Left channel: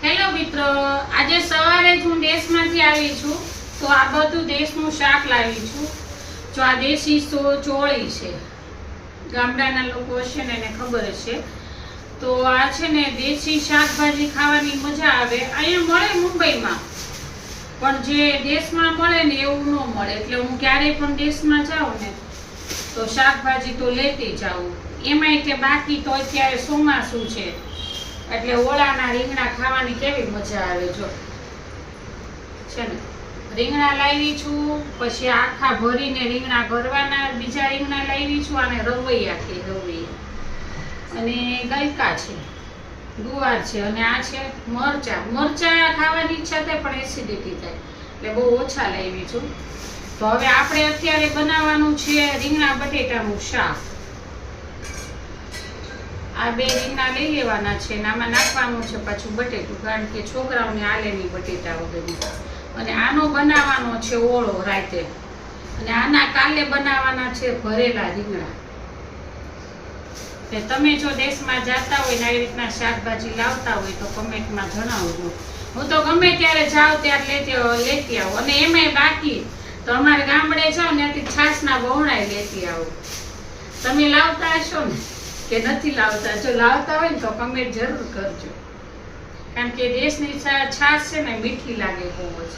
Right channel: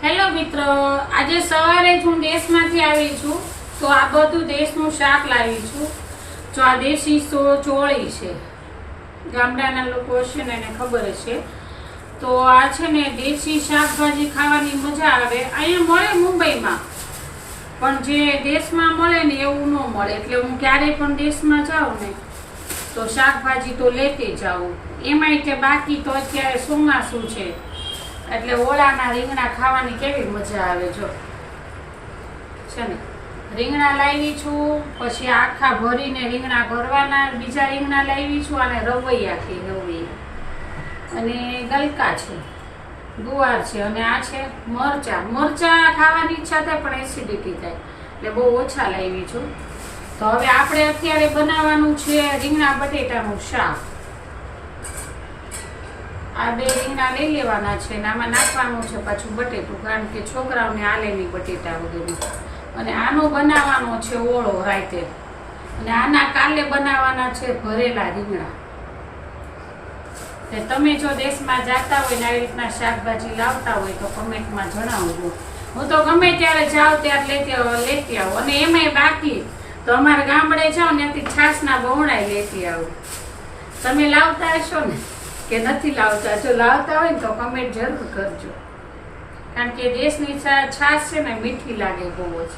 Hello મિત્રો, આજે સવારે જ હું દેશમાંથી આવી છું તો આ બધું દેશનું શાક લાવી છું. જો આ દેશી ચોળી છે, ગામડાના લોકો હશે ને એને ખબર છે. તો આ છે ને દેશી શાકભાજી ખાવાની મજા આવે. અહીંયા મળે મુંબઈમાં, પણ જે દેશમાં મળે ને એવું ન મળે. એટલે હું ક્યારેય પણ દેશમાં જાઉં ને તો શાકભાજી તો લેતી જાઉં. એમાંય તે બાકી તો અત્યારે ચોમાસું છે એટલે ઓળાના રીંગણા ખાવાની કેવી મજા આવે. જો છે ને રીંગણા લાવી છું, પછી આખા ભરીને રીંગણા ભરવાના, બીજા રીંગણા લાવી છું અને રવૈયાથી રવૈયા અને ગલકા છે, ગુવાર છે અને આ છે મરચા ખાવાની ઈચ્છા થાય પણ એસિડિટી થાય એટલે બહુ ઓછા લાવી છું. તો હવે આપણે અત્યારે બનાવવાનું છે રીંગણા બટેટાનું શાક. આ બે રીંગણા લઈ લેવાના છે અને આમાં નાખવાનું છે પાછું બટેટું, કારણ કે છોકરાઓને આલે નહીં બટેટા વગેરે. અને આનો બનાવવાનો છે ઓળો રાતે, અને આના કાલે બનાવવાના છે ભરેલા રીંગણા. તમે જો દેશમાં જતા હોય ને આવી રીતના શાકભાજી લાવતા હોય તો કમેન્ટમાં જણાવજો. હું તો ગમે ત્યારે જાઉં ત્યારે લેતી આવું. અને એમાંય બાકી તો અમારે ગામડે જાઓ ત્યાંથી છાશના બહોળાય લેતી આવું. તમે લાવતા હશો ને કે નથી લાવતા? જો લાવતા હોય ને તો કમેન્ટ જરૂર કરજો, કારણ કે દેશની છાશ છે ને મીઠી લાગે બહુ જ.